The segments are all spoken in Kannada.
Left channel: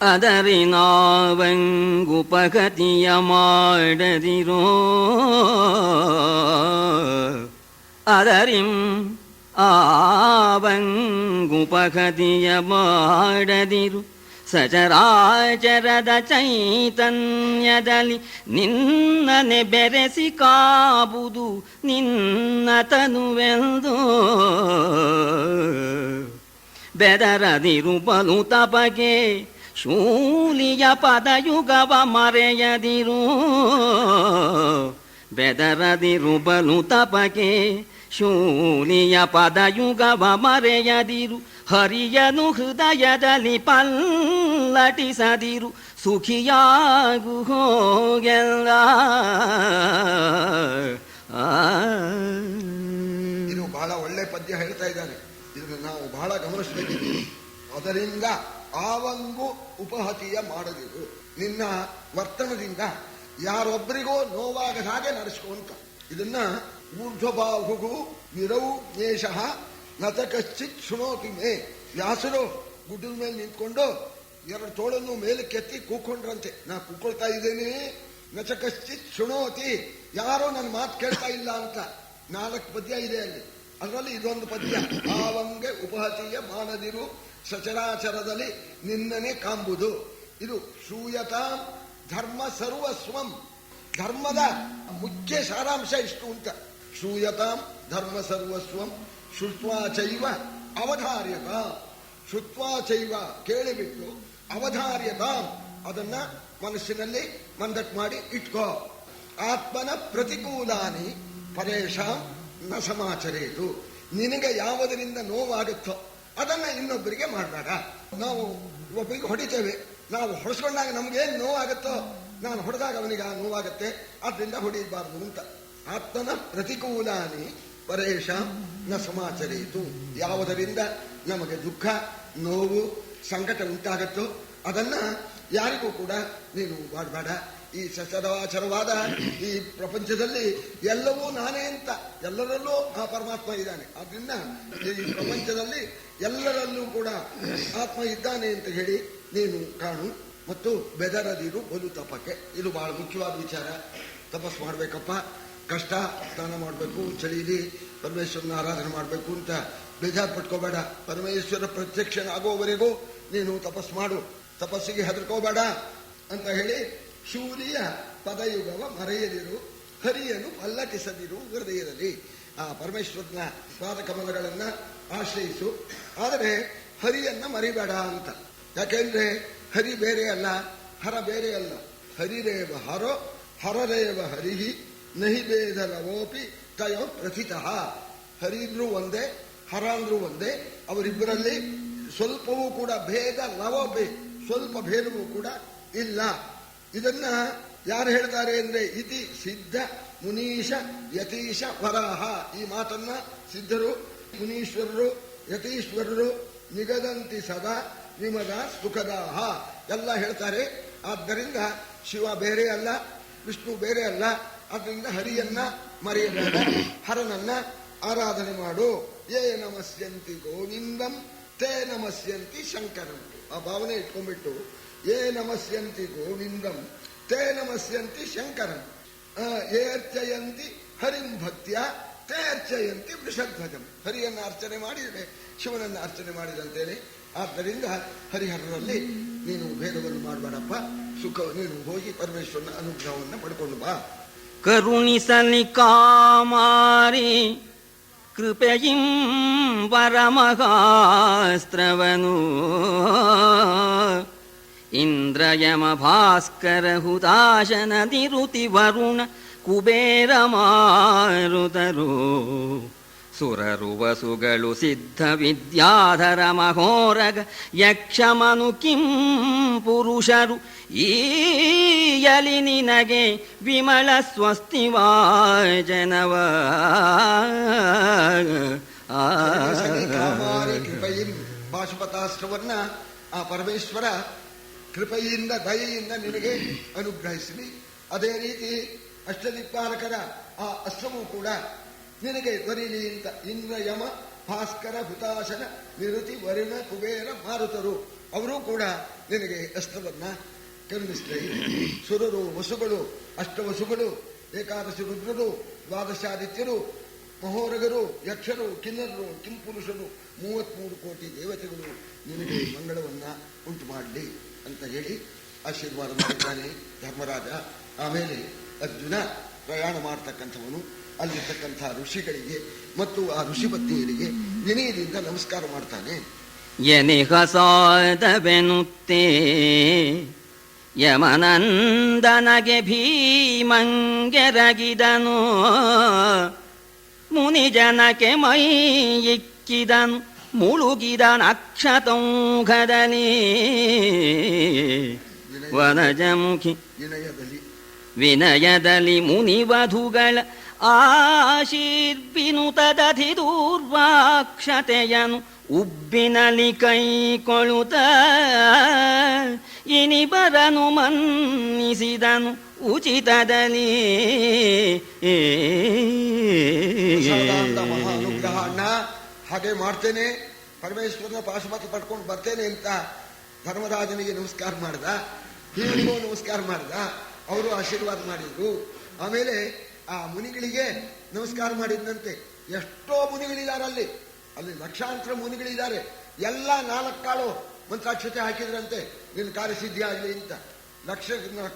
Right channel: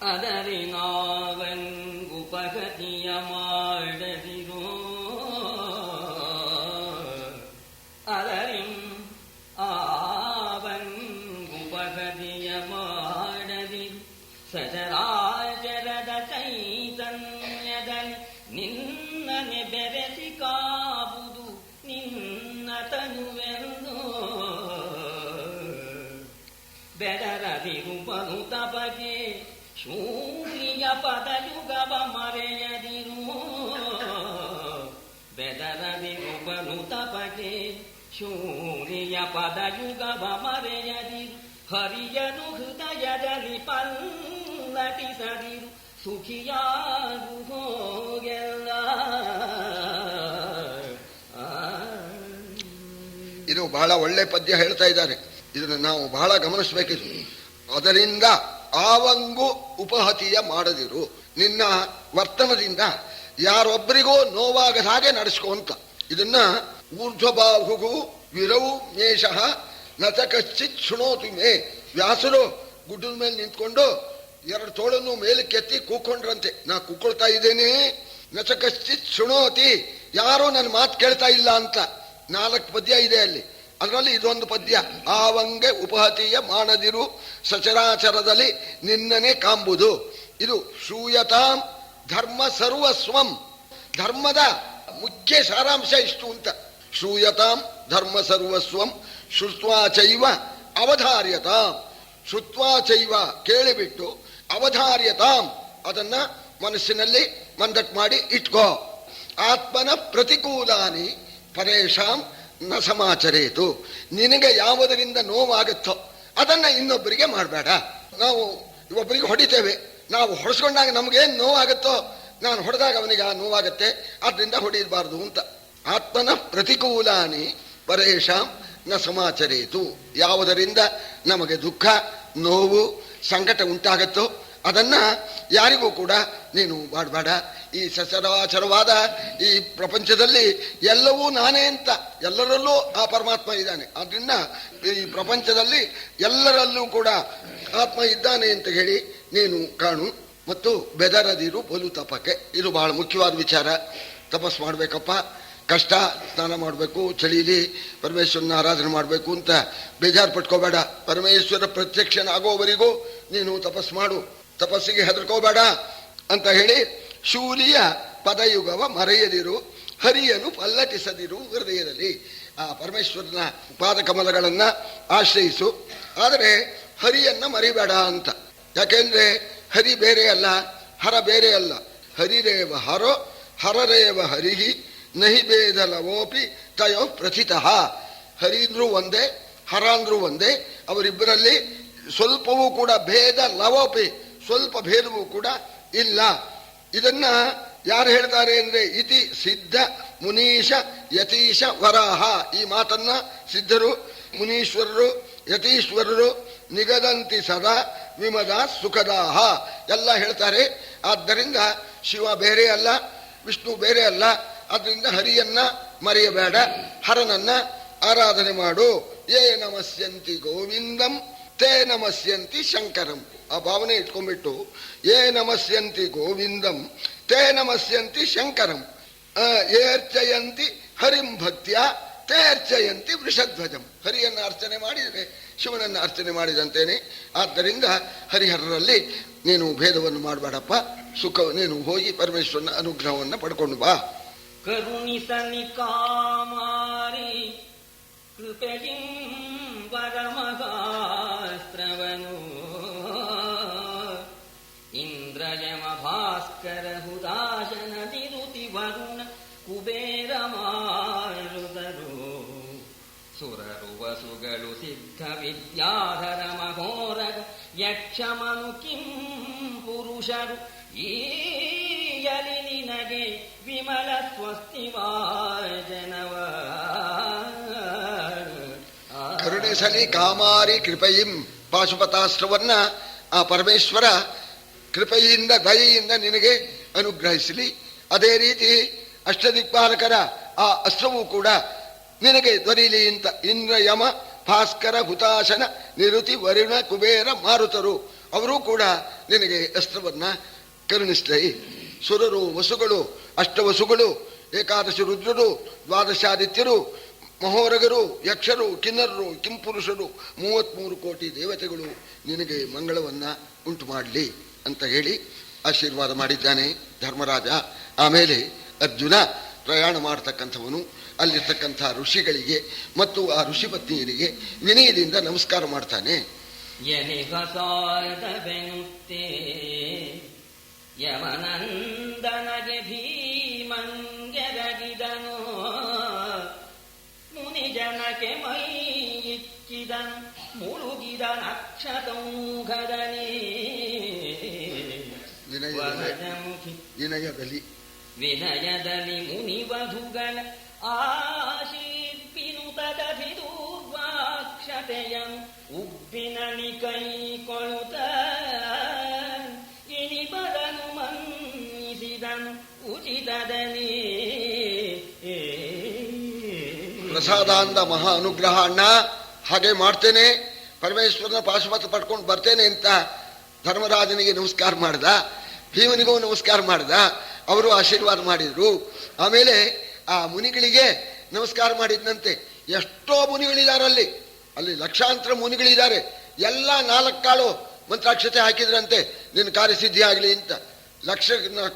ಅದರಿನಾವಂಗುಪಗತಿಯ ಮಾಡದಿರೋ ಅದರಿಂ ಆವಂಗುಪಗತಿಯ ಮಾಡದಿರು ಸಚರಾಚರದ ಚೈತನ್ಯದಲ್ಲಿ ನಿನ್ನನೆ ಬೆರೆಸಿ ಕಾಬುದು ನಿನ್ನ ತನುವೆಂದು ಬೆದರದಿರು ಬಲು ತಪಗೆ ಶೂಲಿಯ ಪದಯುಗವ ಮರೆಯದಿರು ಬೆದರದಿರು ಬಲು ತಪಗೆ ಶೂಲಿಯ ಪದಯುಗವ ಮರೆಯದಿರು ಹರಿಯನು ಹೃದಯದಲ್ಲಿ ಪಲ್ಲಟಿಸದಿರು ಸುಖಿಯಾಗು ಹೋಗೆಲ್ಲ. ಇದು ಬಹಳ ಒಳ್ಳೆ ಪದ್ಯ ಹೇಳ್ತಾ ಇದ್ದಾರೆ. ಇದನ್ನು ನಾವು ಬಹಳ ಗಮನಿಸಬೇಕಿದೆ. ಅದರಿಂದ ಆವಂಗು ಉಪಹತಿಯ ಮಾಡದಿರು, ನಿನ್ನ ವರ್ತನದಿಂದ ಯಾರೊಬ್ಬರಿಗೂ ನೋವಾಗದ ಹಾಗೆ ನಡೆಸ್ಕೊ ಅಂತ. ಇದನ್ನ ಊರ್ಧ್ವಬಾಹುಗು ವಿರವು ನೇಷಃ ನಚ ಕಶ್ಚಿತ್ ಶೃಣೋತಿ ಮೇ. ವ್ಯಾಸರು ಗುಡ್ಡದ ಮೇಲೆ ನಿಂತ್ಕೊಂಡು ಎರಡು ತೋಳನ್ನು ಮೇಲಕ್ಕೆತ್ತಿ ಕೂಕೊಂಡ್ರಂತೆ, ನಾ ಕೂಕೊಳ್ತಾ ಇದ್ದೇನೆ, ನಚ ಕಶ್ಚಿತ್ ಶೃಣೋತಿ, ಯಾರೂ ನನ್ನ ಮಾತು ಕೇಳ್ತಾ ಇಲ್ಲ ಅಂತ. 4 ಪದ್ಯ ಇದೆ ಅಲ್ಲಿ. ಅದರಲ್ಲಿ ಇದೊಂದು ಪದ್ಯ, ಆವಂಗೆ ಉಪಹತಿಯ ಮಾಡದಿರು ಸಚರಾಚರದಲ್ಲಿ ನಿನ್ನನೆ ಕಾಂಬುದು. ಇದು ಶೂಯತಾಂ ಧರ್ಮ ಸರ್ವಸ್ವಂ, ಧರ್ಮದ ಮುಖ್ಯ ಸಾರಾಂಶ ಇಷ್ಟು ಅಂತ. ಶೂಯತಾಂ ಧರ್ಮ ಸರ್ವಸ್ವಂ ಶ್ರುತ್ವಾ ಚೈವ ಅವಧಾರ್ಯತಾಂ. ಶ್ರುತ್ವಾ ಚೈವ ಕೇಳಿಬಿಟ್ಟು, ಅವಧಾರ್ಯತಾಂ ಅದನ್ನ ಮನಸ್ಸಿನಲ್ಲಿ ಮಂದಟ್ ಮಾಡಿ ಇಟ್ಕೋ. ಆತ್ಮನ ಪ್ರತಿಕೂಲಾನಿ ಪರೇಶಾಂ ನ ಸಮಾಚರೇತು. ನಿನಗೆ ಯಾವುದರಿಂದ ನೋವಾಗುತ್ತೋ ಅದನ್ನ ಇನ್ನೊಬ್ಬರಿಗೆ ಮಾಡಬೇಡ. ನಾವು ಒಬ್ಬರಿಗೆ ಹೊಡಿತೇವೆ, ನಾವು ಹೊಡೆಸ್ಕೊಂಡಾಗ ನಮಗೇನು ನೋವಾಗುತ್ತೋ, ನಾನು ಹೊಡೆದಾಗ ಅವನಿಗೆ ಆ ನೋವಾಗತ್ತೆ, ಆದ್ರಿಂದ ಹೊಡೆಯಬಾರ್ದು ಅಂತ. ಆತ್ಮನ ಪ್ರತಿಕೂಲಾನಿ ಪರೇಶಾಂ ನ ಸಮಾಚರೇತು. ಯಾವುದರಿಂದ ನಮಗೆ ದುಃಖ, ನೋವು, ಸಂಕಟ ಉಂಟಾಗತ್ತೋ ಅದನ್ನ ಯಾರಿಗೂ ಕೂಡ ನೀನು ಮಾಡಬೇಡ. ಈ ಸಚರಾಚರವಾದ ಈ ಪ್ರಪಂಚದಲ್ಲಿ ಎಲ್ಲವೂ ನಾನೇ ಅಂತ, ಎಲ್ಲರಲ್ಲೂ ಆ ಪರಮಾತ್ಮ ಇದ್ದಾನೆ. ಆದ್ರಿಂದ ಈ ಪ್ರಪಂಚದಲ್ಲಿ ಎಲ್ಲರಲ್ಲೂ ಕೂಡ ಆತ್ಮ ಇದ್ದಾನೆ ಅಂತ ಹೇಳಿ ನೀನು ಕಾಣು. ಮತ್ತು ಬೆದರದಿರು ಬಲು ತಪಕ್ಕೆ, ಇದು ಬಹಳ ಮುಖ್ಯವಾದ ವಿಚಾರ. ತಪಸ್ ಮಾಡ್ಬೇಕಪ್ಪ, ಕಷ್ಟ, ಸ್ನಾನ ಮಾಡಬೇಕು, ಚಳಿಲಿ ಪರಮೇಶ್ವರನ ಆರಾಧನೆ ಮಾಡಬೇಕು ಅಂತ ಬೇಜಾರು ಪಟ್ಕೋಬೇಡ. ಪರಮೇಶ್ವರ ಪ್ರತ್ಯಕ್ಷನಾಗೋವರೆಗೂ ನೀನು ತಪಸ್ ಮಾಡು, ತಪಸ್ಸಿಗೆ ಹೆದರ್ಕೋಬೇಡ ಅಂತ ಹೇಳಿ ಶೂಲಿಯ ಪದಯುಗವ ಮರೆಯದಿರು, ಹರಿಯನ್ನು ಪಲ್ಲಟಿಸದಿರು ಹೃದಯದಲ್ಲಿ. ಆ ಪರಮೇಶ್ವರನ ಪಾದಕಮಲಗಳನ್ನ ಆಶ್ರಯಿಸು, ಆದರೆ ಹರಿಯನ್ನ ಮರಿಬೇಡ ಅಂತ. ಯಾಕೆಂದ್ರೆ ಹರಿ ಬೇರೆ ಅಲ್ಲ, ಹರ ಬೇರೆ ಅಲ್ಲ. ಹರಿರೇವ ಹರೋ ಹರರೇವ ಹರಿಹಿ ನಹಿ ಭೇದ ಲವೋಪಿ ತಯೋ ಪ್ರಥಿತಃ. ಹರಿ ಅಂದ್ರೂ ಒಂದೇ, ಹರ ಅಂದ್ರೂ ಒಂದೇ. ಅವರಿಬ್ಬರಲ್ಲಿ ಸ್ವಲ್ಪವೂ ಕೂಡ ಭೇದ ಲವೋಪಿ, ಸ್ವಲ್ಪ ಭೇದವೂ ಕೂಡ ಇಲ್ಲ. ಇದನ್ನ ಯಾರು ಹೇಳ್ತಾರೆ ಅಂದ್ರೆ ಇತಿ ಸಿದ್ಧ ಮುನೀಶ ಯತೀಶ ವರಾಹ. ಈ ಮಾತನ್ನ ಸಿದ್ಧರು, ಮುನೀಶ್ವರರು, ಯತೀಶ್ವರರು ನಿಗದಂತಿ ಸದಾ ವಿಮದ ಸುಖದಾಹ ಎಲ್ಲ ಹೇಳ್ತಾರೆ. ಆದ್ದರಿಂದ ಶಿವ ಬೇರೆ ಅಲ್ಲ, ವಿಷ್ಣು ಬೇರೆ ಅಲ್ಲ. ಅದರಿಂದ ಹರಿಯನ್ನ ಮರೆಯಬೇಡ, ಹರನನ್ನ ಆರಾಧನೆ ಮಾಡು. ಯೇ ನಮಸ್ಯಂತಿ ಗೋವಿಂದಂ ತೇ ನಮಸ್ಯಂತಿ ಶಂಕರಂ. ಆ ಭಾವನೆ ಇಟ್ಕೊಂಡ್ಬಿಟ್ಟು ಯೇ ನಮಸ್ಯಂತಿ ಗೋವಿಂದಂ ತೇ ನಮಸ್ಯಂತಿ ಶಂಕರಂ ಏರ್ಚಯಂತಿ ಹರಿಂ ಭಕ್ತ್ಯ ತೇ ಅರ್ಚಯಂತಿ ವೃಷಧ್ವಜಂ. ಹರಿಯನ್ನ ಅರ್ಚನೆ ಮಾಡಿದರೆ ಶಿವನನ್ನ ಅರ್ಚನೆ ಮಾಡಿದಂತೇನೆ. ಆದ್ದರಿಂದ ಹರಿಹರರಲ್ಲಿ ನೀನು ಭೇದವನ್ನು ಮಾಡಬೇಡಪ್ಪ, ಸುಖ ನೀನು ಹೋಗಿ ಪರಮೇಶ್ವರನ ಅನುಗ್ರಹವನ್ನು ಪಡ್ಕೊಂಡು ಬಾ. ಕರುಣಿಸಲಿ ಕಾಮಾರಿ ಕೃಪೆಯಿಂ ಪರಮಗಾಸ್ತ್ರವನು ಇಂದ್ರಯಮ ಭಾಸ್ಕರ ಹುತಾಶನ ನಿರುತಿ ವರುಣ ಕುಬೇರ ಮಾರುತರು ಸುರರು ವಸುಗಳು ಸಿದ್ಧ ವಿದ್ಯಾಧರ ಮಹೋರಗ ಯಕ್ಷಮನು ಕಿಂ ಪುರುಷರು ಈಯಲಿ ನಿನಗೆ ವಿಮಲ ಸ್ವಸ್ತಿವಾಜನವ. ಕಾಮಾರಿ ಕೃಪೆಯಿಂ ಪಾಶುಪತಾಸ್ತ್ರವನ್ನ ಆ ಪರಮೇಶ್ವರ ಕೃಪೆಯಿಂದ ದಯೆಯಿಂದ ನಿನಗೆ ಅನುಗ್ರಹಿಸಲಿ. ಅದೇ ರೀತಿ ಅಷ್ಟದಿಕ್ಪಾಲಕರ ಆ ಅಸ್ತ್ರವೂ ಕೂಡ ನಿನಗೆ ದೊರೆಯಲಿ ಅಂತ. ಇಂದ್ರ ಯಮ ಭಾಸ್ಕರ ಹುತಾಶನ ನಿರುತಿ ವರುಣ ಕುಬೇರ ಮಾರುತರು ಅವರೂ ಕೂಡ ನಿನಗೆ ಅಸ್ತ್ರವನ್ನ ಕರುಣಿಸಲಿ. ಸುರರು, ವಸುಗಳು, ಅಷ್ಟವಸುಗಳು, ಏಕಾದಶಿ ರುದ್ರರು, ದ್ವಾದಶಾದಿತ್ಯರು, ಮಹೋರಗರು, ಯಕ್ಷರು, ಕಿನ್ನರರು, ಕಿಂಪುರುಷರು, 33 ಕೋಟಿ ದೇವತೆಗಳು ನಿನಗೆ ಮಂಗಳವನ್ನ ಉಂಟು ಮಾಡಲಿ ಅಂತ ಹೇಳಿ ಆಶೀರ್ವಾದ ಮಾಡಿದ್ದಾನೆ ಧರ್ಮರಾಜ. ಆಮೇಲೆ ಅರ್ಜುನ ಪ್ರಯಾಣ ಮಾಡತಕ್ಕಂಥವನು ಅಲ್ಲಿರ್ತಕ್ಕಂಥ ಋಷಿಗಳಿಗೆ ಮತ್ತು ಆ ಋಷಿಪತ್ನಿಯರಿಗೆ ವಿನಯದಿಂದ ನಮಸ್ಕಾರ ಮಾಡ್ತಾನೆ. ಎನಿಹಸಾದವೆನುತ್ತೇ ಯಮನಂದನಗೆ ಭೀಮಂಗೆರಗಿದನು, ಮುನಿಜನಕ್ಕೆ ಮೈ ಇಕ್ಕಿದನು, ಮುಳುಗಿದ ನಕ್ಷತೌಘದಲ್ಲಿ ವನಜಮುಖಿ ವಿನಯದಲ್ಲಿ ಮುನಿವಧುಗಳ ಆಶೀರ್ಬಿನುತದಧಿ ದೂರ್ವಾಕ್ಷತೆಯನು ಉಬ್ಬಿನಲಿ ಕೈಕೊಳ್ಳುತ್ತ ಇನಿಬರನು ಮನ್ನಿಸಿದನು ಉಚಿತದಲ್ಲಿ. ಪ್ರಸಾದಾಂತ ಮಹಾ ಅನುಗ್ರಹ ಅಣ್ಣ, ಹಾಗೆ ಮಾಡ್ತೇನೆ, ಪರಮೇಶ್ವರನ ಪಾಶುಪತ ಪಡ್ಕೊಂಡು ಬರ್ತೇನೆ ಅಂತ ಧರ್ಮರಾಜನಿಗೆ ನಮಸ್ಕಾರ ಮಾಡ್ದ, ಭೀಮನಿಗೂ ನಮಸ್ಕಾರ ಮಾಡ್ದ. ಅವರು ಆಶೀರ್ವಾದ ಮಾಡಿದ್ರು. ಆಮೇಲೆ ಆ ಮುನಿಗಳಿಗೆ ನಮಸ್ಕಾರ ಮಾಡಿದ್ನಂತೆ. ಎಷ್ಟೋ ಮುನಿಗಳಿದ್ದಾರೆ ಅಲ್ಲಿ ಲಕ್ಷಾಂತರ ಮುನಿಗಳಿದ್ದಾರೆ. ಎಲ್ಲ 4 ಕಾಳು ಮಂತ್ರಾಕ್ಷತೆ ಹಾಕಿದ್ರಂತೆ, ನಿನ್ನ ಕಾರ್ಯಸಿದ್ಧಿ ಆಗಲಿ ಅಂತ. ಲಕ್ಷ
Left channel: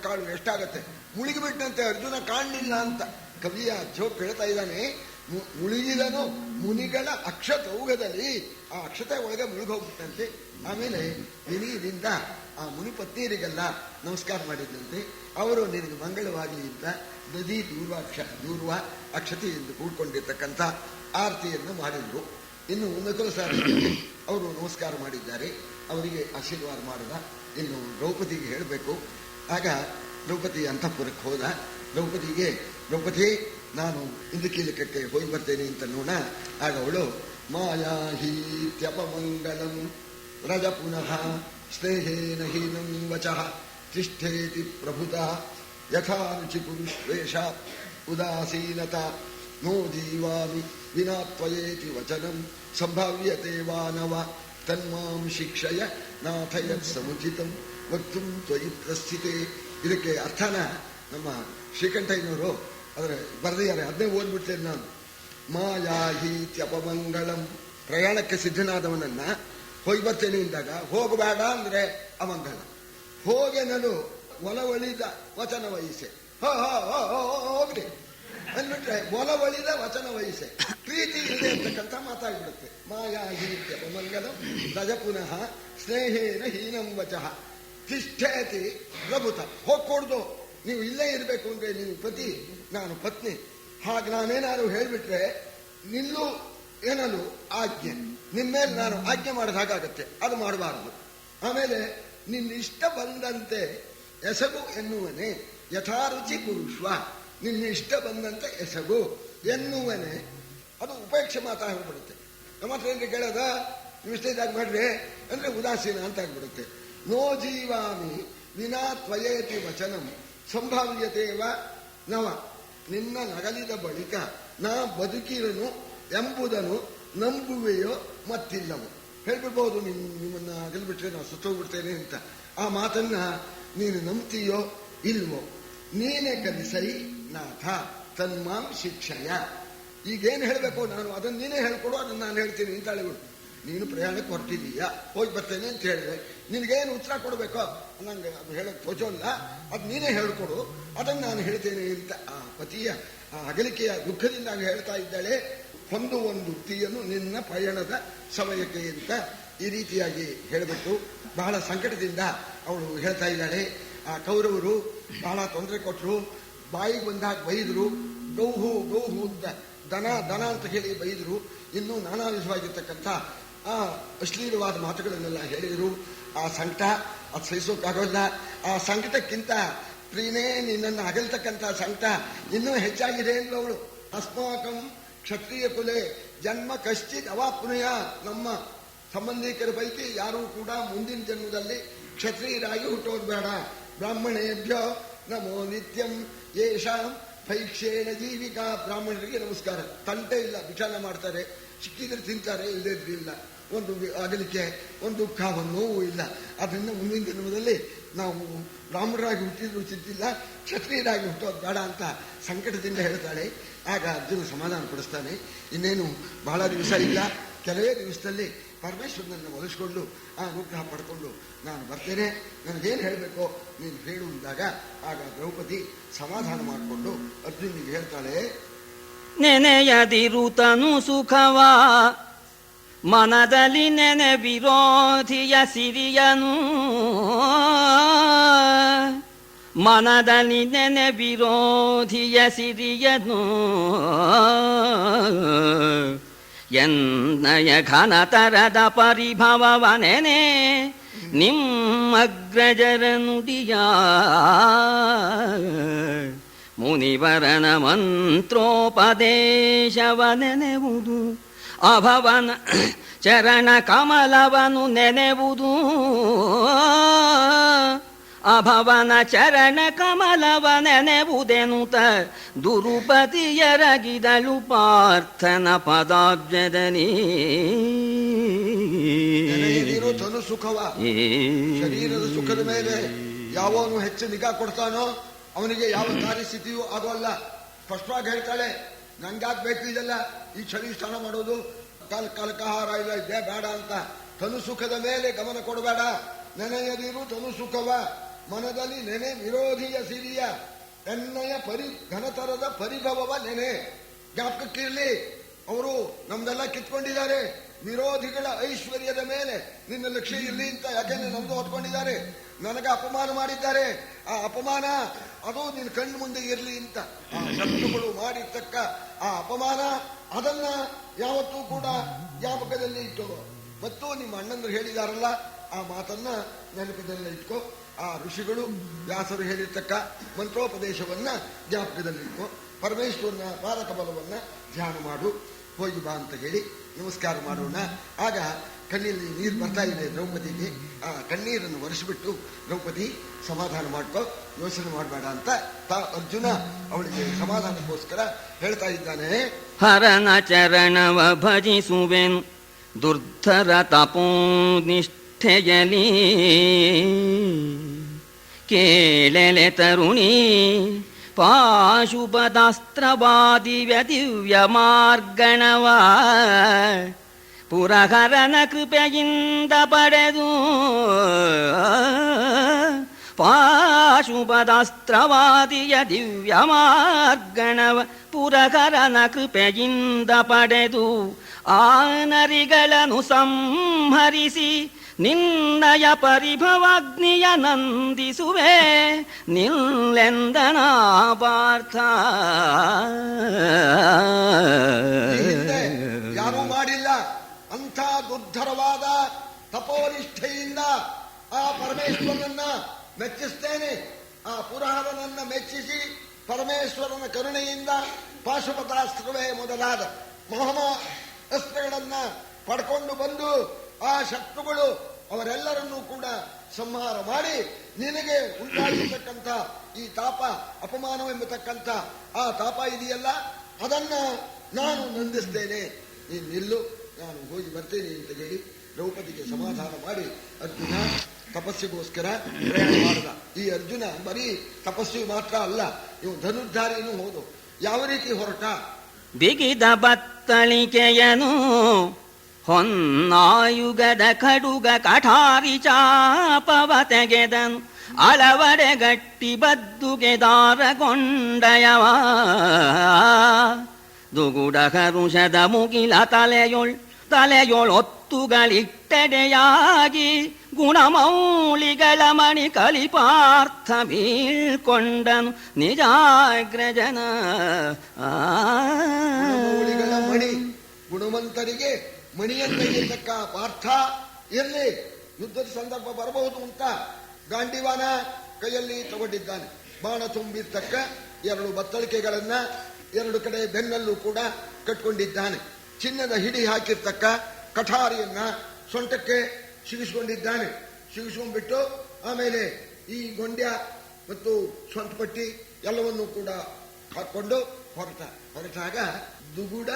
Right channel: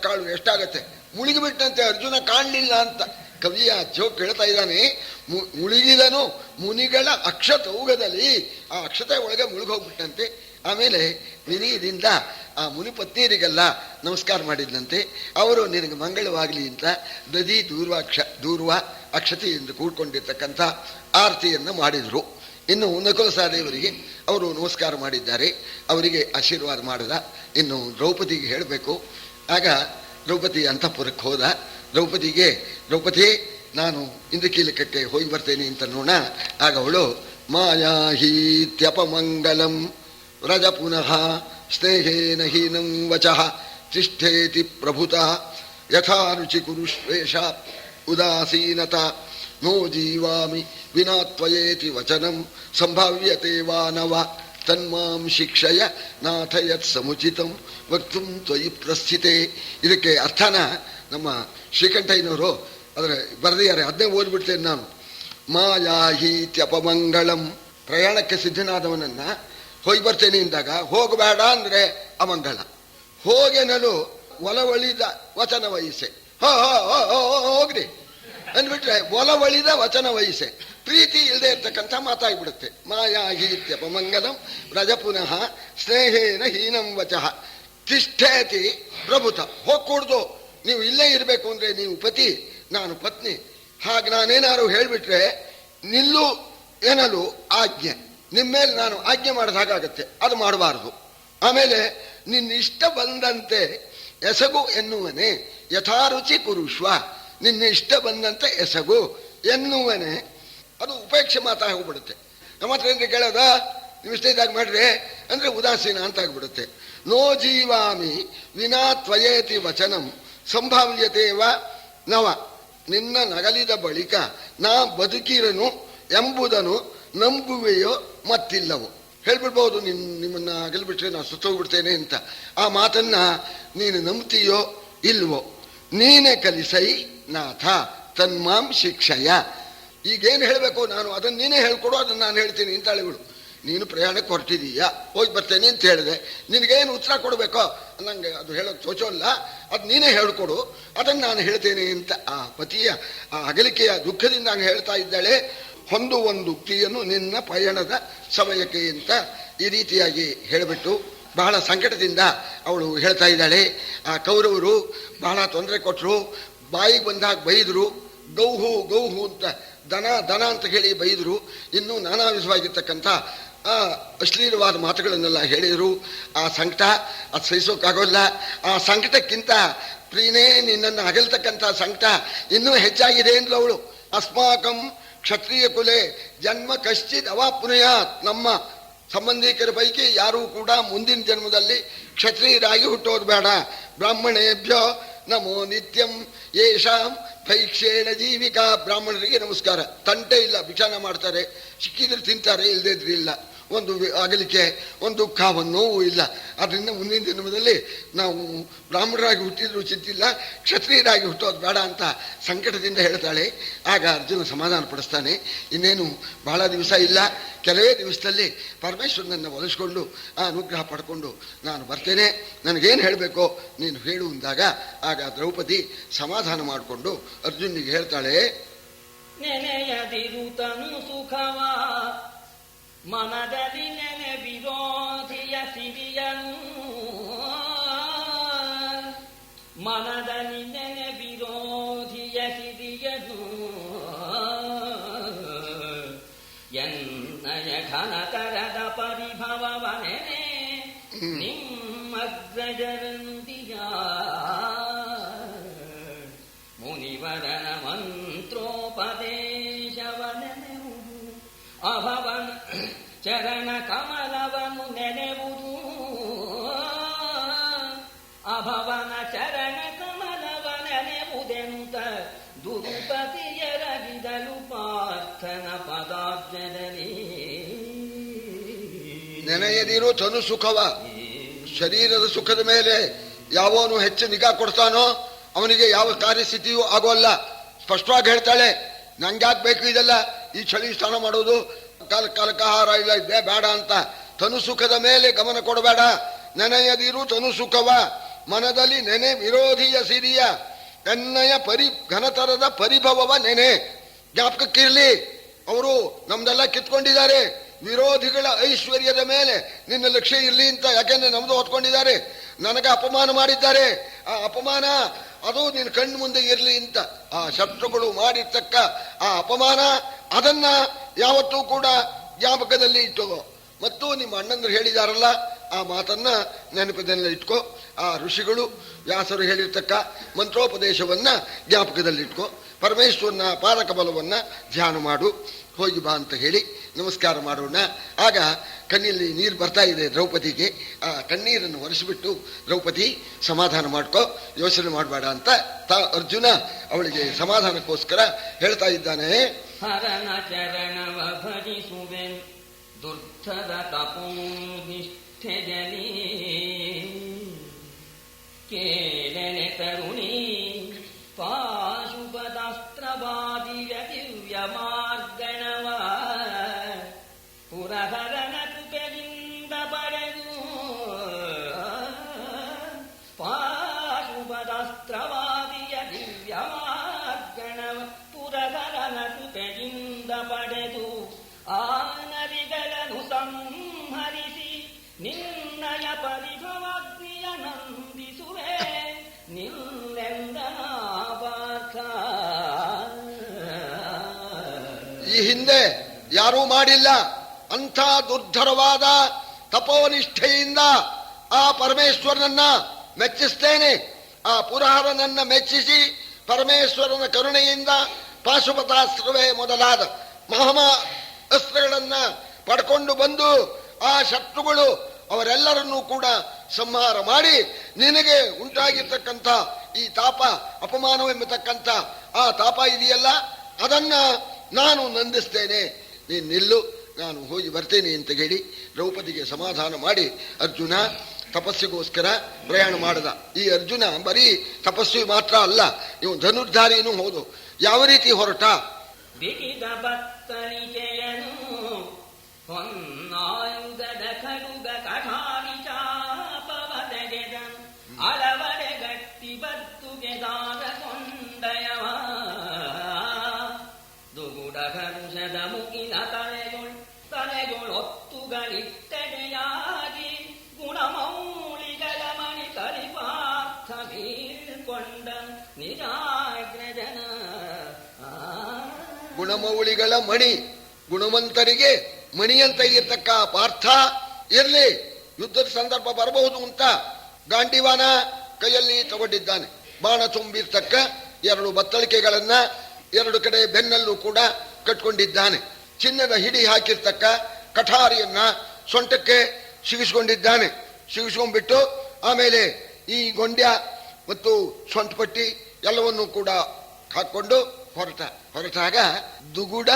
ಕಾಳು ಎಷ್ಟಾಗತ್ತೆ? ಮುಳುಗಿಬಿಟ್ಟಂತೆ, ಅರ್ಜುನ ಕಾಣಲಿಲ್ಲ ಅಂತ ಕವಿಯ ಜೋಕ್ ಹೇಳ್ತಾ ಇದ್ದಾನೆ. ಮುಳುಗಿದನು ಮುನಿಗಳ ಅಕ್ಷತೌಗದಲ್ಲಿ, ಆ ಅಕ್ಷತೆ ಒಳಗೆ ಮುಳುಗೋಗ್ಬಿಟ್ಟಂತೆ. ಆಮೇಲೆ ವಿನಯದಿಂದ ಆ ಮುನಿ ಪತ್ನಿಯರಿಗೆಲ್ಲ ನಮಸ್ಕಾರ ಮಾಡಿದ್ದಂತೆ. ಅವರು ನಿನಗೆ ಮಂಗಳವಾಗಲಿ ಅಂತ ನದಿ ದೂರ್ವ ಅಕ್ಷತೆಯಿಂದ ಕೂಡ್ಕೊಂಡಿರ್ತಕ್ಕಂಥ ಆರತಿಯನ್ನು ಮಾಡಿದರು. ಇನ್ನು ನಕುಲ ಸಹದೇವರಿಗೆ ಅವರು ನಮಸ್ಕಾರ ಮಾಡಿದ್ದಾರೆ, ಅವರಿಗೆ ಆಶೀರ್ವಾದ ಮಾಡಿದ. ಇನ್ನು ದ್ರೌಪದಿಗೆ ಹೇಳಬೇಕು. ಆಗ ದ್ರೌಪದಿ ಅಂತಃಪುರಕ್ಕೆ ಹೋದ. ದ್ರೌಪದಿ ನಾನು ಇಂದ್ರಕೀಲಕಕ್ಕೆ ಹೋಗಿ ಬರ್ತೇನೆ ಅಂತ ನೋಡ. ಆಗ ಅವಳು ಮಾಯಾಹೀತ್ಯಪಮಂಗಲಂ ವ್ರಜ ಪುನಃ ಸ್ನೇಹೇನ ಹೀನಂ ವಚಃ ತಿಷ್ಠೇತಿ ಪ್ರಭುತ ಯಥಾ ರುಚಿ ಕುರುಶ್ವೇಷ ಉದಾಸೀನತ ನೋ ಜೀವಾಮಿ ವಿನಾ ತ್ವಯೇತಿ ವಚನಂ ಸಂಭಾವ್ಯತೆ ವಾ ನವ ತನ್ಮಾಂ ಶಿಕ್ಷಯ ನಾಥ ಯತ್ ಸಮುಚಿತಂ ವಕ್ತುಂ ತ್ವಯಿ ಪ್ರಸ್ಥಿತೆ. ಇದಕ್ಕೆ ಅರ್ಥನ ನಮ್ಮ ಶ್ರೀಕಂಠಯ್ಯನವರು ಅದರ ಬರೆದಿದ್ದಾರೆ, ಅದನ್ನೇ ಓದ್ಬಿಡ್ತೇನೆ ನಾನು. ಮಾಯಾಹೀತ್ಯಪಮಂಗಳಂ, ಪ್ರಯಾಣಕ್ಕೆ ಸಿದ್ಧನಾದವನನ್ನ ಹೋಗಿ ಬರ್ತೇನೆ ಎಂದಾಗ ಹೋಗಬೇಡ ಅಂದ್ರೆ ಅಮಂಗಳ, ಹೋಗೆನಲು ಒಲವಳಿದ ವಚನ ವಹಿಸೆ, ಹೋಗ್ರಿ ಅಂದ್ಬಿಟ್ರೆ ಒಲವಳಿದ ವಚನ ವಹಿಸೆ, ಪ್ರೀತಿ ಇಲ್ಲದೆ ಅಂತಕ್ಕಂಥ ಮಾತಾಗ್ಬಿಡುತ್ತೆ. ಮಾಯಾಹೀತ್ಯಪಮಂಗಲಂ ವ್ರಜ ಪುನಃ ಸ್ನೇಹೇನ ಹೀನಂ ವಚಃ ತಿಷ್ಠೇತಿ ಪ್ರಭುತ. ಹೋಗ್ಕೂಡ್ದು, ನೀವು ಇಲ್ಲೇ ಇರಬೇಕು ಅಂದ್ರೆ ನೀವು ಪತಿ, ನಾನು ಪತ್ನಿ. ಹಾಗೆ ನಾನೇನಾದ್ರು ಹೇಳ್ಬಿಟ್ರೆ ನಿಲ್ಲು ಏನಲು ಆಜ್ಞೆ, ನಿಮ್ಮೇಲೆ ನಾನು ಆಜ್ಞೆ ಮಾಡಿದ ಹಾಗಾಗತ್ತೆ, ಅದು ಮಾಡಬಾರ್ದು. ಆಮೇಲೆ ನಿನ್ನ ಇಷ್ಟ ಬಂದಂತೆ ಎಸಗು ಎನ್ನುವನೇ ಯಥಾರುಚಿ ಕುರುಶ್ವ, ನಿನ್ನ ಇಷ್ಟ ಬಂದಂತೆ ಎಸಗು ಎನ್ನುವನೇ. ಅದು ಉಪೇಕ್ಷೆ ಮಾತಾಗಿ ಹೋಗ್ಬಿಡುತ್ತೆ. ನಮ್ಮ ಹತ್ರ ಏನ್ರಿ ಕೇಳೋದ, ನೀವು ಇಷ್ಟ ಇದ್ದಾಗ ಮಾಡ್ರಿ ಅಂದ್ರೆ ಉದಾಸೀನ ಅಂತ ಆಗ್ಬಿಡುತ್ತೆ. ನೋ ಜೀವಾಮಿ ವಿನಾ ತ್ವಯೇತಿ ವಚನಂ ಸಂಭಾವ್ಯತೇವ ನವ, ನಿನ್ನ ನಗಲಿದ ಬಳಿಕ ನಾ ಬದುಕಿರನು ಎಂಬುದನ್ನು ನಂಬುವೆಯೋ ಮತ್ತಿಲ್ಲವೋ. ಹೇಳ್ಬಿಡ್ಬೋದು, ನಿಮ್ಮನ್ನ ಅಗಲ್ಬಿಟ್ರೆ ನಾನು ಸುತ್ತೋಗ್ಬಿಡ್ತೇನೆ ಅಂತ. ಆ ಮಾತನ್ನ ನೀನು ನಂಬ್ತೀಯೋ ಇಲ್ವೋ, ನೀನೇ ಕಲಿಸೈ ನಾಥ ತನ್ಮಾಂ ಶಿಕ್ಷಯ. ಈಗೇನು ಹೇಳಬೇಕು ನಾನು, ಅದನ್ನು ನೀನೇ ಹೇಳ್ಕೊಡು, ಅದನ್ನು ನಾನು ಹೇಳ್ತೀನಿ ಅಂತ ಹೇಳಿಬಿಡು. ನೀನು ಪ್ರಯಾಣಕ್ಕೆ ಹೊರಟಿದೀಯಾ, ಹೋಗಿ ಬರ್ತೇನೆ ಅಂತ ಹೇಳಿದೆ, ನಿನಗೇನು ಉತ್ತರ ಕೊಡಬೇಕೋ ನಂಗೆ ಅದು ಹೇಳೋಕ್ಕೆ ಸೋಚೋಲ್ಲ, ಅದು ನೀನೇ ಹೇಳ್ಕೊಡು, ಅದನ್ನು ನಾನು ಹೇಳ್ತೇನೆ ಅಂತ ಆ ಪತಿಯ ಆ ಅಗಲಿಕೆಯ ದುಃಖದಿಂದ ಹಂಗೆ ಹೇಳ್ತಾ ಇದ್ದಾಳೆ. ಒಂದು ಉಕ್ತಿಯನ್ನು ನಿನ್ನ ಪಯಣದ ಸಮಯಕ್ಕೆ ಅಂತ ಈ ರೀತಿಯಾಗಿ ಹೇಳಿಬಿಟ್ಟು ಬಹಳ ಸಂಕಟದಿಂದ ಅವಳು ಹೇಳ್ತಾ ಇದ್ದಾಳೆ. ಆ ಕೌರವರು ಬಹಳ ತೊಂದರೆ ಕೊಟ್ಟರು, ಬಾಯಿಗೆ ಬಂದಾಗ ಬೈದರು, ಗೌಹು ಅಂತ ದನ ಅಂತ ಹೇಳಿ ಬೈದರು. ಇನ್ನೂ ನಾನಾ ವಿಧವಾಗಿರ್ತಕ್ಕಂಥ ಆ ಅಶ್ಲೀಲವಾದ ಮಾತುಗಳನ್ನೆಲ್ಲ ಹೇಳಿದರು. ಆ ಸಂಕಟ ಅದು ಸಹಿಸೋಕ್ಕಾಗೋಲ್ಲ. ಆ ಸಂಕಟಕ್ಕಿಂತ ಪ್ರೀನೇ ನಿನ್ನನ್ನು ಅಗಲ್ತಕ್ಕಂಥ ಸಂಕಟ ಇನ್ನೂ ಹೆಚ್ಚಾಗಿದೆ ಅಂದ್ಲು ಅವಳು. ಅಸ್ಮಾಕಂ ಕ್ಷತ್ರಿಯ ಕುಲೆ ಜನ್ಮ ಕಶ್ಚಿತ್ ಅವಾಪ್ನುಯಾತ್, ನಮ್ಮ ಸಂಬಂಧಿಕರ ಪೈಕಿ ಯಾರೂ ಕೂಡ ಮುಂದಿನ ಜನ್ಮದಲ್ಲಿ ಕ್ಷತ್ರಿಯರಾಗಿ ಹುಟ್ಟೋದು ಬೇಡ. ಬ್ರಾಹ್ಮಣೇಭ್ಯೋ ನಮೋ ನಿತ್ಯಂ ಯೇಷಾಂ ಭೈಕ್ಷೇಣ ಜೀವಿಕಾ. ಬ್ರಾಹ್ಮಣರಿಗೆ ನಮಸ್ಕಾರ, ತಂಟೆ ಇಲ್ಲ, ಭಿಕ್ಷಾನ ಮಾಡ್ತಾರೆ, ಸಿಕ್ಕಿದ್ರೆ ತಿಂತಾರೆ, ಇಲ್ಲದಿದ್ರೆ ಇಲ್ಲ. ಒಂದು ಅಗಲಿಕೆ, ಒಂದು ದುಃಖ, ಒಂದು ನೋವು ಇಲ್ಲ. ಅದರಿಂದ ಮುಂದಿನ ದಿನದಲ್ಲಿ ನಾವು ಬ್ರಾಹ್ಮಣರಾಗಿ ಹುಟ್ಟಿದ್ರು ಚಿಂತಿಲ್ಲ, ಕ್ಷತ್ರಿಯರಾಗಿ ಹುಟ್ಟೋದು ಬೇಡ ಅಂತ ಸಂಕಟದಿಂದ ಹೇಳ್ತಾಳೆ. ಆಗ ಅರ್ಜುನ ಸಮಾಧಾನ ಪಡಿಸ್ತಾನೆ. ಇನ್ನೇನು ಬಹಳ ದಿವಸ ಇಲ್ಲ, ಕೆಲವೇ ದಿವಸದಲ್ಲಿ ಪರಮೇಶ್ವರನನ್ನು ಒಲಿಸ್ಕೊಂಡು ಆ ಅನುಗ್ರಹ ಪಡ್ಕೊಂಡು ನಾನು ಬರ್ತೇನೆ, ನನಗೇನು ಹೇಳಬೇಕೋ ನೀನು ಹೇಳು ಅಂದಾಗ ಆಗ ದ್ರೌಪದಿ ಸಮಾಧಾನ ಮಾಡಿಕೊಂಡು ಅರ್ಜುನಿಗೆ ಹೇಳ್ತಾಳೆ, ನೆನೆಯದಿರುತನು ಸುಖವ ಮನದಲ್ಲಿ ನೆನೆ ವಿರೋಧಿಯ ಸಿರಿಯನು, ಮನದಲ್ಲಿ ನೆನೆ ವಿರೋಧಿಯ ಸಿರಿಯನು, ಎನ್ನಯ ಘನತರದ ಪರಿಭವವ ನೆನೆ ನಿಮ್ಮಗ್ರಜರ ನುಡಿಯ, ಮುನಿವರನ ಮಂತ್ರೋಪದೇಶವ ನೆನೆವುದು, ಅಭವನ ಚರಣ ಕಮಲವನು ನೆನೆವುದು, ಅಭವನ ಚರಣ ಕಮಲವ ನೆನೆವುದೆನುತ ದುರುಪತಿಯರಗಿದಳು ಪಾರ್ಥನ ಪದಾಬ್ಜದಲ್ಲಿ. ನೆನೆಯದಿರು ತನು ಸುಖವ, ಶರೀರದ ಸುಖದ ಮೇಲೆ ಯಾವನು ಹೆಚ್ಚು ನಿಗಾ ಕೊಡ್ತಾನೋ ಅವನಿಗೆ ಯಾವ ಕಾರ್ಯಸ್ಥಿತಿಯೂ ಆಗೋಲ್ಲ. ಸ್ಪಷ್ಟವಾಗಿ ಹೇಳ್ತಾಳೆ, ನಂಗ್ಯಾಕೆ ಬೇಕು ಇದೆಲ್ಲ, ಈ ಚಳಿ ಸ್ನಾನ ಮಾಡೋದು, ಕಾಲಕಾಹಾರ ಇಲ್ಲ ಬೇಡ ಅಂತ. ತನು ಸುಖದ ಮೇಲೆ ಗಮನ ಕೊಡಬೇಡ. ನೆನೆಯದಿರು ತನು ಸುಖವ ಮನದಲ್ಲಿ ನೆನೆ ವಿರೋಧಿಯ ಸಿರಿಯ, ಎನ್ನಯ ಘನತರದ ಪರಿಭವವ ನೆನೆ. ಜ್ಞಾಪಕಕ್ಕಿರ್ಲಿ, ಅವರು ನಮ್ದೆಲ್ಲ ಕಿತ್ಕೊಂಡಿದ್ದಾರೆ, ವಿರೋಧಿಗಳ ಐಶ್ವರ್ಯದ ಮೇಲೆ ನಿನ್ನ ಲಕ್ಷ್ಯ ಇರಲಿ ಅಂತ. ಯಾಕೆಂದ್ರೆ ನಮ್ದು ಹೊತ್ಕೊಂಡಿದ್ದಾರೆ, ನನಗೆ ಅಪಮಾನ ಮಾಡಿದ್ದಾರೆ, ಆ ಅಪಮಾನ ಅದು ನಿನ್ನ ಕಣ್ಣು ಮುಂದೆ ಇರಲಿ ಅಂತ. ಆ ಶತ್ರುಗಳು ಮಾಡಿರ್ತಕ್ಕ ಆ ಅಪಮಾನ ಅದನ್ನ ಯಾವತ್ತೂ ಕೂಡ ಜ್ಞಾಪಕದಲ್ಲಿ ಇಟ್ಟೋ. ಮತ್ತು ನಿಮ್ಮ ಅಣ್ಣಂದ್ರು ಹೇಳಿದಾರಲ್ಲ ಆ ಮಾತನ್ನ ನೆನಪದಲ್ಲಿ ಇಟ್ಕೋ. ಆ ಋಷಿಗಳು ವ್ಯಾಸರು ಹೇಳಿರ್ತಕ್ಕ ಮಂತ್ರೋಪದೇಶವನ್ನ ಜ್ಞಾಪಕದಲ್ಲಿಟ್ಕೋ. ಪರಮೇಶ್ವರನ ಪಾಲಕ ಬಲವನ್ನ ಧ್ಯಾನ ಮಾಡು. ಹೋಗಿ ಬಾ ಅಂತ ಹೇಳಿ ನಮಸ್ಕಾರ ಮಾಡೋಣ. ಆಗ ಕಣ್ಣಲ್ಲಿ ನೀರು ಬರ್ತಾ ಇದೆ ದ್ರೌಪದಿಗೆ. ಆ ಕಣ್ಣೀರನ್ನು ಒರೆಸಿಬಿಟ್ಟು, ದ್ರೌಪದಿ ಸಮಾಧಾನ ಮಾಡ್ಕೋ, ಯೋಚನೆ ಮಾಡಬೇಡ ಅಂತ ಅರ್ಜುನ ಅವಳಿಗೆ ಸಮಾಧಾನಕ್ಕೋಸ್ಕರ ಹೇಳ್ತಾ ಇದ್ದಾನೆ. ಹರನ ಚರಣವ ಭಜಿಸುವೆನು ದುರ್ಧರ ತಪೋನಿಷ್ಠೆಯಲಿ, ಕೇಳೆಲೆ ತರುಣಿ ಪಾಶುಪದಾಸ್ತ್ರವಾದಿವ್ಯ ದಿವ್ಯ ಮಾರ್ಗಣವ, ಪುರಹರನ ಕೃಪೆಯಿಂದ ಪಡೆದು ಪಾಶುಪದಾಸ್ತ್ರವಾದಿಯ ದಿವ್ಯ ಮಾರ್ಗಣವ, ಪುರಹರನ ಕೃಪೆಯಿಂದ ಪಡೆದು ಆ ನರಿಗಳನ್ನು ಸಂಹರಿಸಿ ನಿನ್ನಯ ಪರಿಭವಾಗ್ನಿಯ ನಂದಿಸುವೆ ನಿಲ್ಲೆಂದನ ಪಾರ್ಥ. ಹಿಂದೆ ಯಾರೂ ಮಾಡಿಲ್ಲ ಅಂಥ ದುರ್ಧರವಾದ ತಪೋನಿಷ್ಠೆಯಿಂದ ಆ ಪರಮೇಶ್ವರನನ್ನ ಮೆಚ್ಚಿಸ್ತೇನೆ. ಆ ಪುರಹರನನ್ನ ಮೆಚ್ಚಿಸಿ ಪರಮೇಶ್ವರನ ಕರುಣೆಯಿಂದ ಪಾಶುಪತಾಸ್ತ್ರವೇ ಮೊದಲಾದ ಮಹಾ ಅಸ್ತ್ರಗಳನ್ನ ಪಡ್ಕೊಂಡು ಬಂದು ಆ ಶತ್ರುಗಳು ಅವರೆಲ್ಲರನ್ನೂ ಕೂಡ ಸಂಹಾರ ಮಾಡಿ ನಿನಗೆ ಉಂಟಾಗಿರ್ತಕ್ಕಂಥ ಈ ತಾಪ ಅಪಮಾನವೆಂಬತಕ್ಕಂಥ ಆ ತಾಪ ಇದೆಯಲ್ಲ ಅದನ್ನ ನಾನು ನಂದಿಸ್ತೇನೆ, ನೀನು ನಿಲ್ಲು, ನಾನು ಹೋಗಿ ಬರ್ತೇನೆ ಅಂತ ಹೇಳಿ ದ್ರೌಪದಿಗೆ ಸಮಾಧಾನ ಮಾಡಿ ಅರ್ಜುನ ತಪಸ್ಸಿಗೋಸ್ಕರ ಪ್ರಯಾಣ ಮಾಡಿದ. ಈ ಅರ್ಜುನ ಬರೀ ತಪಸ್ವಿ ಮಾತ್ರ ಅಲ್ಲ, ಇವು ಧನುರ್ಧಾರಿನೂ ಹೌದು. ಯಾವ ರೀತಿ ಹೊರಟ? ಬಿಗಿದ ಬತ್ತಳಿಕೆಯನು ಹೊನ್ನಾಯುಗದ ಕಡುಗ ಕಠಾರಿ ಚಾಪವ ತೆಗೆದನು, ಅಳವಡೆ ಗಟ್ಟಿ ಬದ್ದುಗೆ ದಾರಗೊಂಡಯವ, ದುಗುಡ ಕರುಷದ ಮುಗಿಲ ತಲೆಯೊಳೊತ್ತುಗಳಿಟ್ಟೆಡೆಯಾಗಿ ಗುಣಮೌಳಿಗಳ ಮಣಿ ಕಲಿಪಾರ್ಥ ಬೀಳ್ಕೊಂಡನು ನಿಜಾಗ್ರಜನ. ಗುಣಮೌಳಿಗಳ ಮಣಿ, ಗುಣವಂತರಿಗೆ ಮಣಿಯಂತ ಇರ್ತಕ್ಕ ಪಾರ್ಥ ಇರಲಿ, ಯುದ್ಧದ ಸಂದರ್ಭ ಬರಬಹುದು ಅಂತ ಗಾಂಡಿವಾನ ಕೈಯಲ್ಲಿ ತಗೊಂಡಿದ್ದಾನೆ. ಬಾಣ ತುಂಬಿರ್ತಕ್ಕ 2 ಬತ್ತಳಿಕೆಗಳನ್ನ 2 ಕಡೆ ಬೆನ್ನಲ್ಲೂ ಕೂಡ ಕಟ್ಕೊಂಡಿದ್ದಾನೆ. ಚಿನ್ನದ ಹಿಡಿ ಹಾಕಿರ್ತಕ್ಕ ಕಠಾರಿಯನ್ನ ಸೊಂಟಕ್ಕೆ ಸಿಗಿಸ್ಕೊಂಡಿದ್ದಾನೆ. ಸಿಗಿಸ್ಕೊಂಡ್ಬಿಟ್ಟು ಆಮೇಲೆ ಈ ಗೊಂಡ್ಯ ಮತ್ತು ಸೊಂಟಪಟ್ಟಿ ಎಲ್ಲವನ್ನೂ ಕೂಡ ಹಾಕೊಂಡು ಹೊರಟಾಗ ದುಗುಡ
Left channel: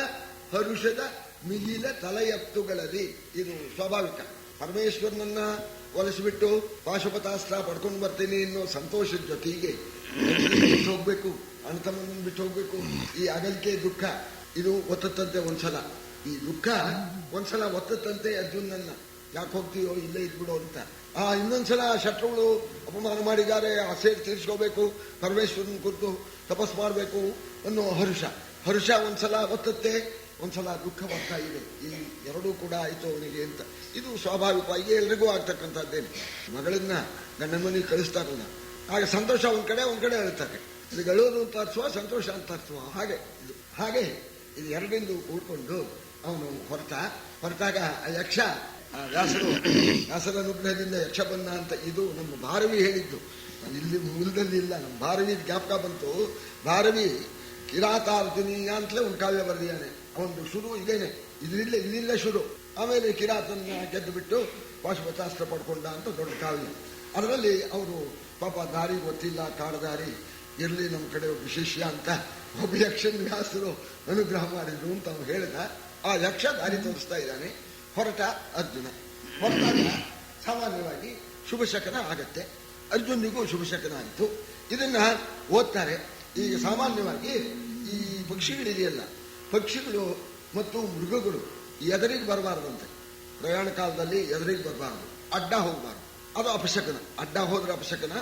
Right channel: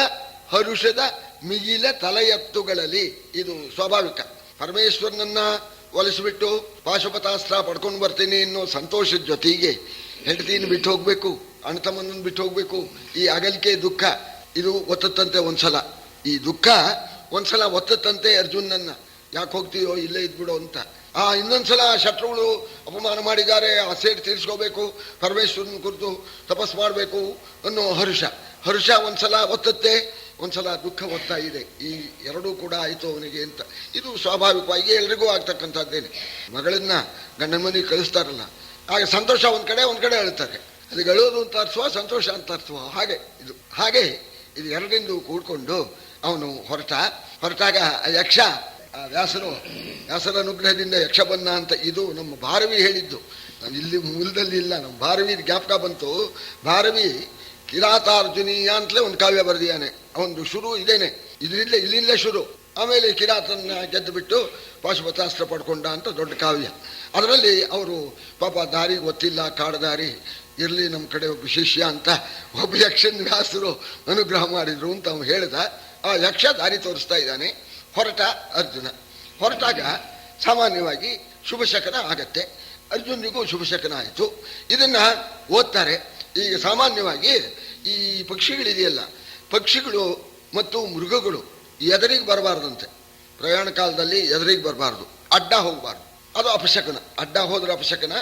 ಹರುಷದ ಮಿಗಿಲ ತಲೆಯತ್ತುಗಳಲ್ಲಿ. ಇದು ಸ್ವಾಭಾವಿಕ. ಪರಮೇಶ್ವರನನ್ನ ಒಲಿಸಿಬಿಟ್ಟು ಪಾಶುಪತಾಸ್ತ್ರ ಪಡ್ಕೊಂಡು ಬರ್ತೀನಿ ಅನ್ನೋ ಸಂತೋಷದ ಜೊತೆಗೆ ಹೆಂಡತಿನ ಬಿಟ್ಟು ಹೋಗ್ಬೇಕು, ಅಣ್ತಮ್ಮನ ಬಿಟ್ಟು ಹೋಗ್ಬೇಕು, ಈ ಅಗಲಿಕೆ ದುಃಖ ಇದು ಒತ್ತತ್ತಂತೆ ಒಂದ್ಸಲ. ಈ ದುಃಖ ಒಂದ್ಸಲ ಒತ್ತತ್ತಂತೆ ಅರ್ಜುನನ್ನ, ಯಾಕೆ ಹೋಗ್ತೀಯೋ ಇಲ್ಲೇ ಇದ್ಬಿಡೋ ಅಂತ. ಇನ್ನೊಂದ್ಸಲ ಶತ್ರುಗಳು ಅಪಮಾನ ಮಾಡಿದ್ದಾರೆ, ಆ ಸೇರಿ ತೀರಿಸ್ಕೋಬೇಕು, ಪರಮೇಶ್ವರನ ಕುರಿತು ತಪಸ್ ಮಾಡಬೇಕು ಅನ್ನೋ ಹರುಷ ಒಂದ್ಸಲ ಒತ್ತತ್ತೆ, ಒಂದ್ಸಲ ದುಃಖ ಒತ್ತಾ ಇದೆ. ಈ ಎರಡೂ ಕೂಡ ಆಯಿತು ಅವನಿಗೆ ಅಂತ. ಇದು ಸ್ವಾಭಾವಿಕವಾಗಿ ಎಲ್ರಿಗೂ ಆಗ್ತಕ್ಕಂಥದ್ದೇನೆ. ಮಗಳನ್ನ ಗಂಡನ ಮನೆಗೆ ಕಳಿಸ್ತಾರಲ್ಲ, ಆಗ ಸಂತೋಷ ಒಂದ್ ಕಡೆ ಅಳ್ತಾರೆ. ಅದಕ್ಕೆ ಅಳೋದು ಅಂತ ಅರ್ಥವ, ಸಂತೋಷ ಅಂತ ಅರ್ಥವ. ಹಾಗೆ ಇದು ಎರಡರಿಂದ ಕೂಡ್ಕೊಂಡು ಅವನು ಹೊರಟಾಗ ಯಕ್ಷ, ವ್ಯಾಸರ ಅನುಗ್ರಹದಿಂದ ಯಕ್ಷ ಬನ್ನ ಅಂತ. ಇದು ನಮ್ಮ ಭಾರವಿ ಹೇಳಿದ್ದು, ನಾನು ಇಲ್ಲಿ ಮೂಲದಲ್ಲಿ ಇಲ್ಲ, ನಮ್ಮ ಭಾರವಿ ಜ್ಞಾಪಕ ಬಂತು. ಭಾರವಿ ಕಿರಾತಾರ್ಜುನೀಯ ಅಂತಲೇ ಒಂದು ಕಾವ್ಯ ಬರೆದಿದ್ದಾನೆ. ಅವನು ಶುರು ಇದೇನೆ, ಇಲ್ಲಿಂದಲೇ ಶುರು. ಆಮೇಲೆ ಕಿರಾತನ ಗೆದ್ದು ಬಿಟ್ಟು ಪಾಶುಪತಾಸ್ತ್ರ ಪಡ್ಕೊಂಡ ಅಂತ ದೊಡ್ಡ ಕಾವ್ಯ. ಅದರಲ್ಲಿ ಅವರು ಪಾಪ ದಾರಿ ಗೊತ್ತಿಲ್ಲ, ಕಾಡದಾರಿ ಇರಲಿ ನಮ್ಮ ಕಡೆ ಒಬ್ಬ ಶಿಷ್ಯ ಅಂತ ಒಬ್ಬ ಯಕ್ಷನ ವ್ಯಾಸರು ಅನುಗ್ರಹ ಮಾಡಿದ್ರು ಅಂತ ಅವನು ಹೇಳ್ದ. ಆ ಯಕ್ಷ ದಾರಿ ತೋರಿಸ್ತಾ ಇದ್ದಾನೆ. ಹೊರಟಾಗ ಸಾಮಾನ್ಯವಾಗಿ ಶುಭಶಕನ ಆಗತ್ತೆ. ಅರ್ಜುನಿಗೂ ಶುಭಶಕನ ಆಯಿತು. ಇದನ್ನ ಓದ್ತಾರೆ. ಈಗ ಸಾಮಾನ್ಯವಾಗಿ ಈ ಪಕ್ಷಿಗಳಿದೆಯಲ್ಲ, ಪಕ್ಷಿಗಳು ಮತ್ತು ಮೃಗಗಳು ಎದುರಿಗೆ ಬರಬಾರ್ದಂತೆ. ಪ್ರಯಾಣ ಕಾಲದಲ್ಲಿ ಎದುರಿಗೆ ಬರಬಾರ್ದು, ಅಡ್ಡ ಹೋಗಬಾರ್ದು. ಅದು ಅಪಶಕನ. ಅಡ್ಡ ಹೋದ್ರೆ ಅಪಶಕನ,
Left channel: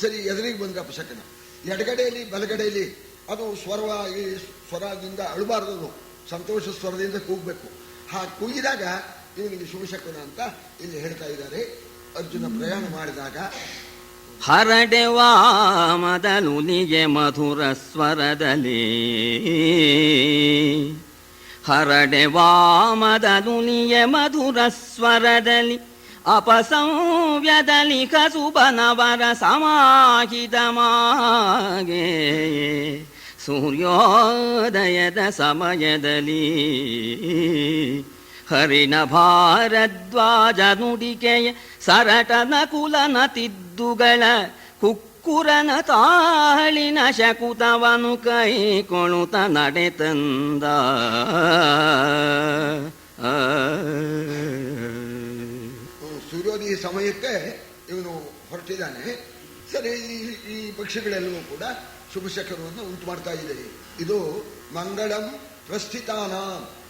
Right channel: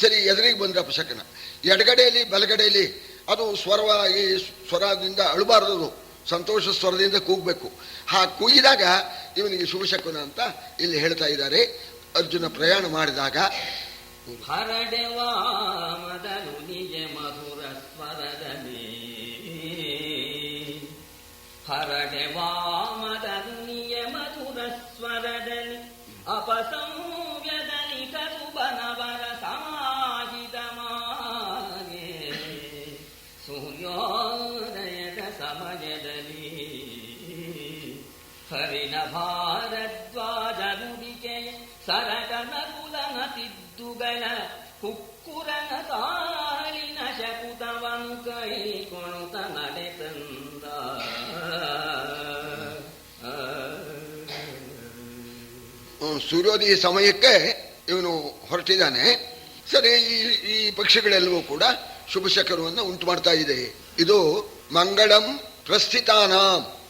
ಸರಿ ಎದುರಿಗೆ ಬಂದ್ರೆ ಅಪಶಕನ. ಎಡಗಡೆಯಲ್ಲಿ ಬಲಗಡೆಯಲ್ಲಿ ಅದು ಸ್ವರದಿಂದ ಅಳಬಾರದು, ಸಂತೋಷ ಸ್ವರದಿಂದ ಕೂಗಬೇಕು. ಕೂಗಿದಾಗ ಇವನಿಗೆ ಶುಭಶಕುನ ಅಂತ ಇಲ್ಲಿ ಹೇಳ್ತಾ ಇದ್ದಾರೆ. ಅರ್ಜುನ ಪ್ರಯಾಣ ಮಾಡಿದಾಗ ಹರಡೆವಾ ಮದಲುನಿಗೆ ಮಧುರ ಸ್ವರದಲ್ಲಿ, ಹರಡೆವಾ ಮದಲುನಿಗೆ ಮಧುರ ಸ್ವರದಲ್ಲಿ, ಅಪಸಂವ್ಯದಲ್ಲಿ ಕಸುಬನವರ ಸಮಾಹಿತಮಾಗೆ, ಸೂರ್ಯೋದಯದ ಸಮಯದಲ್ಲಿ ಹರಿಣ ಭಾರದ್ವಾಜ ನುಡಿಕೆಯ ಸರಟನ ಕುಲನ ತಿದ್ದುಗಳ ಕುಕ್ಕುರನ ತಾಳಿನ ಶಕುತವನು ಕೈಕೊಳುತ್ತ ನಡೆತಂದ. ಸೂರ್ಯೋದಯ ಸಮಯಕ್ಕೆ ಇವನು ಹೊರಟಿದ್ದಾನೆ. ಸರಿ, ಈ ಪಕ್ಷಿಗಳೆಲ್ಲವೂ ಕೂಡ ಶುಭಶಕನವನ್ನು ಉಂಟು ಮಾಡ್ತಾ ಇದೆ. ಇದು ಮಂಗಳಂ ಪ್ರಸ್ಥಿತಾನ,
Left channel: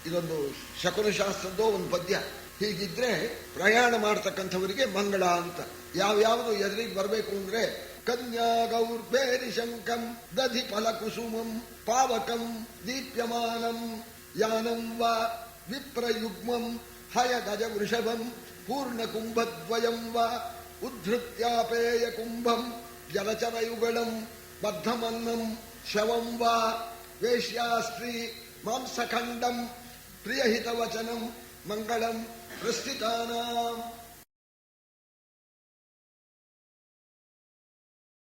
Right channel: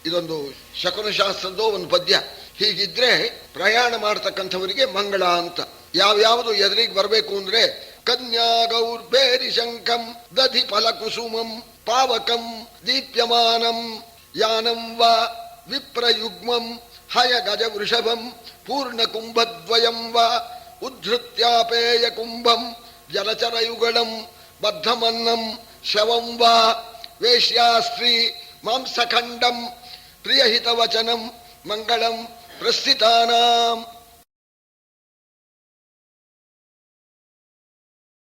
ಇದೊಂದು ಶಕುನಶಾಸ್ತ್ರದ ಒಂದು ಪದ್ಯ. ಹೀಗಿದ್ರೆ ಪ್ರಯಾಣ ಮಾಡತಕ್ಕಂಥವರಿಗೆ ಮಂಗಳ ಅಂತ. ಯಾವ್ಯಾವುದು ಎದುರಿಗೆ ಬರಬೇಕು ಅಂದ್ರೆ ಕನ್ಯಾ ಗೌರ್ಬೇರಿ ಶಂಕಂ ದಧಿ ಫಲಕುಸುಮಂ ಪಾವಕಂ ದೀಪ್ಯಮಾನಂ ಯಾನಂ ವಾ ವಿಪ್ರಯುಗ್ಮಂ ಹಯ ಗಜ ವೃಷಭಂ ಪೂರ್ಣ ಕುಂಭದ್ವಯಂ ವಾ ಉದ್ಧೃತ್ಯಾಪೇಯ ಕುಂಭಂ ಜಲಚರಯುಗಳಂ ಬದ್ಧಮನ್ನಂ ಶವಂ ವಾ ವೇಶ್ಯಾಸ್ತ್ರೀ ಮಾಂಸಖಂಡಂ ಪ್ರಿಯಹಿತವಚನಂ ಮಂಗಳಂ ಪ್ರಸ್ಥಿತಾನಾಂ.